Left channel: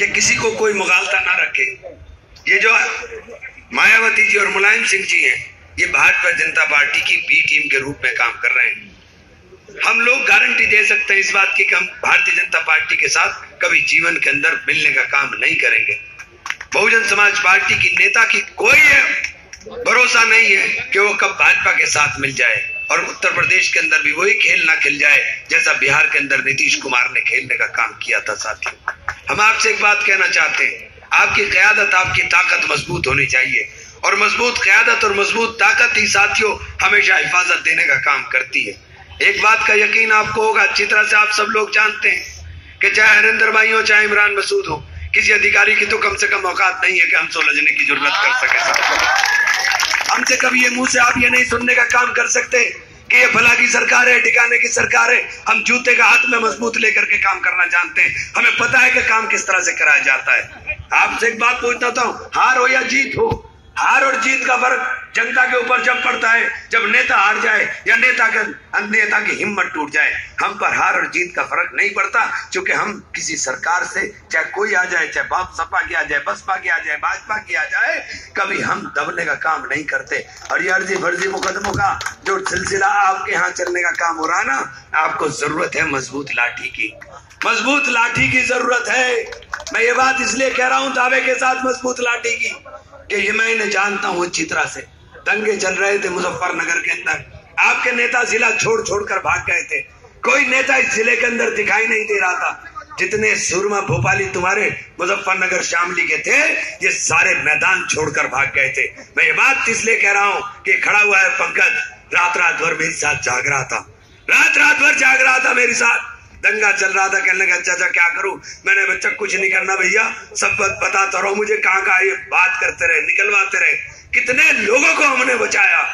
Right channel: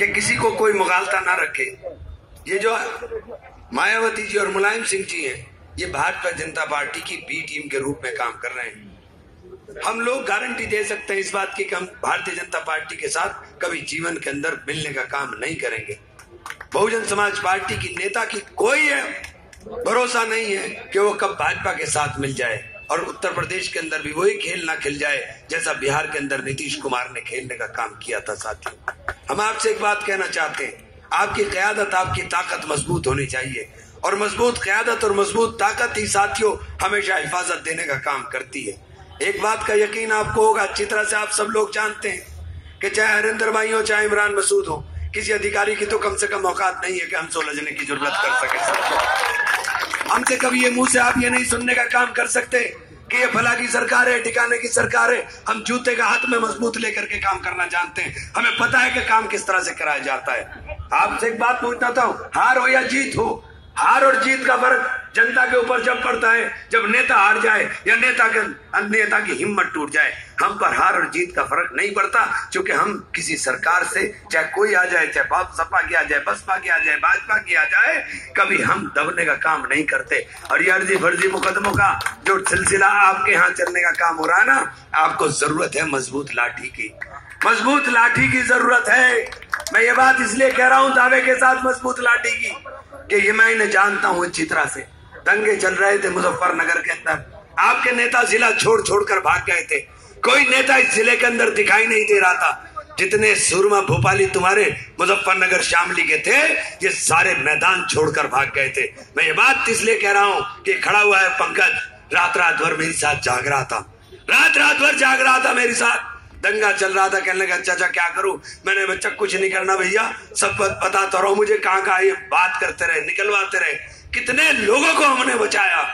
कि किसी को कोई मुगालता ना रखे। ये जो मायावती जी और मुलायम सिंह जी हैं, ये भारतीय जनता पार्टी की बी टीम के रूप में काम कर रहे हैं। हम लोग गारंटी दे सकते हैं इस बात की कि हम भारतीय जनता पार्टी के साथ कभी जीवन के अंदर मिलने का काम नहीं करेंगे। बहुजन समाज पार्टी की नेता की कोई भरोसा नहीं है कि वो कब भाजपा के साथ मिल जाए और उत्तर प्रदेश के अंदर भी वही खेल ना खेल जाए जैसा बिहार के अंदर नीतीश कुमार ने खेलने का काम किया था। साथियों, हम आपसे एक बात कहना चाहते हैं, आपकी क़यादत, आपकी ताकत मजबूत होनी चाहिए और मजबूत क़यादत और मजबूत ताकत ही साथियों हमेशा हिफाजत देने का काम करती है। एक बात का यकीन आपको होगा, अच्छी तरह से आप सब लोग जानते हैं कि चाहे हरिंदर भाई हो चाहे इमरान मसूद हो, किसी अधिकारी की तो कम से कम औकात नहीं है कि हम सुलझने की जरूरत कर सके। हमसे कभी ये मुंह से आप ये नहीं सुनने का काम कर सकते कि ये भला की सरकार है, ठिकाने की सरकार है। हम जूते का हाथ में मजबूत लेकर के काम करना जानते हैं, हमें पता है कि काम किस तरह से कराया जाता है। आपसे एक बात पूछना था, हार हो या जीत हो, हार और जीत का फर्क जनता के ऊपर जब पड़ता है जब नेता हार जाए या नेता की हिम्मत टूट जाए। हम पर हार और जीत का फर्क नहीं पड़ता, क्योंकि हम किसी सरकार से, चाहे कोई आ जाए, चाहे सपा की आ जाए, बसपा की आ जाए, भाजपा की आ जाए, कभी हम दबने का काम नहीं करते। और ये अर्जी फर्जी मुकदमों का जो सिलसिला आपके यहाँ चलने का काम हो रहा ना, आपको जरूरत है मजबूत लाठी की, मजबूत लाठी की जरूरत है। मैं ये बात इसलिए कह रहा हूं दावे के साथ मजबूत लाठी की कि ये मैं इन्हें जानता हूं अच्छी तरह से। दंगे चल रहे थे मुजफ्फरनगर के अंदर, आपके नेता जिला छोड़ छोड़ कर भाग गए थे, कोई नेता इस जिले के अंदर दिखाई नहीं दे रहा था। जितने सूरमा भोपाली तुम्हारे मुजफ्फरनगर शामली के थे, ये सारे मैदान छोड़कर भाग गए थे। मैं ये बात इसलिए कह रहा हूं कि खड़ा हुआ है पंकज, रात रात भर मेरे साथ जाग रहा था, रात रात भर जाग रहा था मेरे साथ, दंगा चल रहा था, कहने लगा चाचा क्या करूं। मैंने बच्चा कुछ नहीं करना भैया, सब पता तो रहो मुझे, कहाँ ये बात करते रहे, निकलवाते रहे, कितने लोगों को हमने बचाया।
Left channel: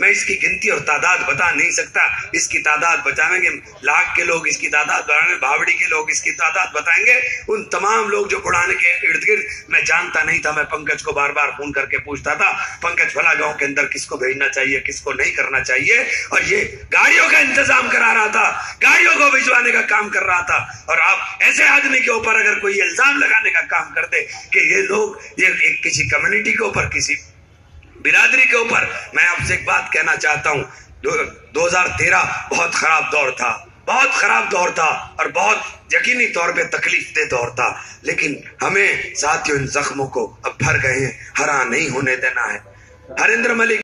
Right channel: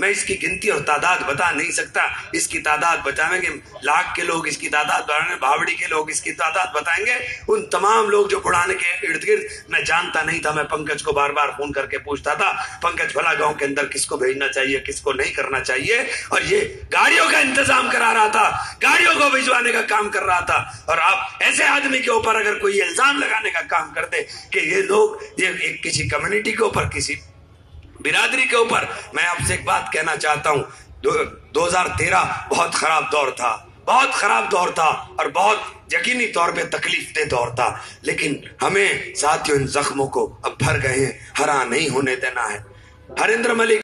मैं इसकी गिनती और तादाद बता नहीं सकता, इसकी तादाद बताएंगे लाख के लोग, इसकी तादाद बताएंगे भावड़ी के लोग, इसकी तादाद बताएंगे उन तमाम लोग जो पुराने के इर्द गिर्द। मैं जानता नहीं था, मैं पंकज को बार बार फोन करके पूछता था, पंकज भला गांव के अंदर किसको भेजना चाहिए, किसको नहीं करना चाहिए, और ये गाड़ियों का इंतजाम करा रहा था, गाड़ियों को भिजवाने का काम कर रहा था। और आप ऐसे आदमी के ऊपर अगर कोई इल्जाम लगाने का काम कर दे कि ये लोग ये किसी कम्युनिटी के ऊपर, किसी बिरादरी के ऊपर, मैं आपसे एक बात कहना चाहता हूं, 2013 बहुत खराब दौर था, बहुत खराब दौर था और बहुत यकीनी तौर पे तकलीफ दे दौर था, लेकिन हमें साथियों इन जख्मों को अब भर गए हैं, हरा नहीं होने देना है। हरिंद्र मलिक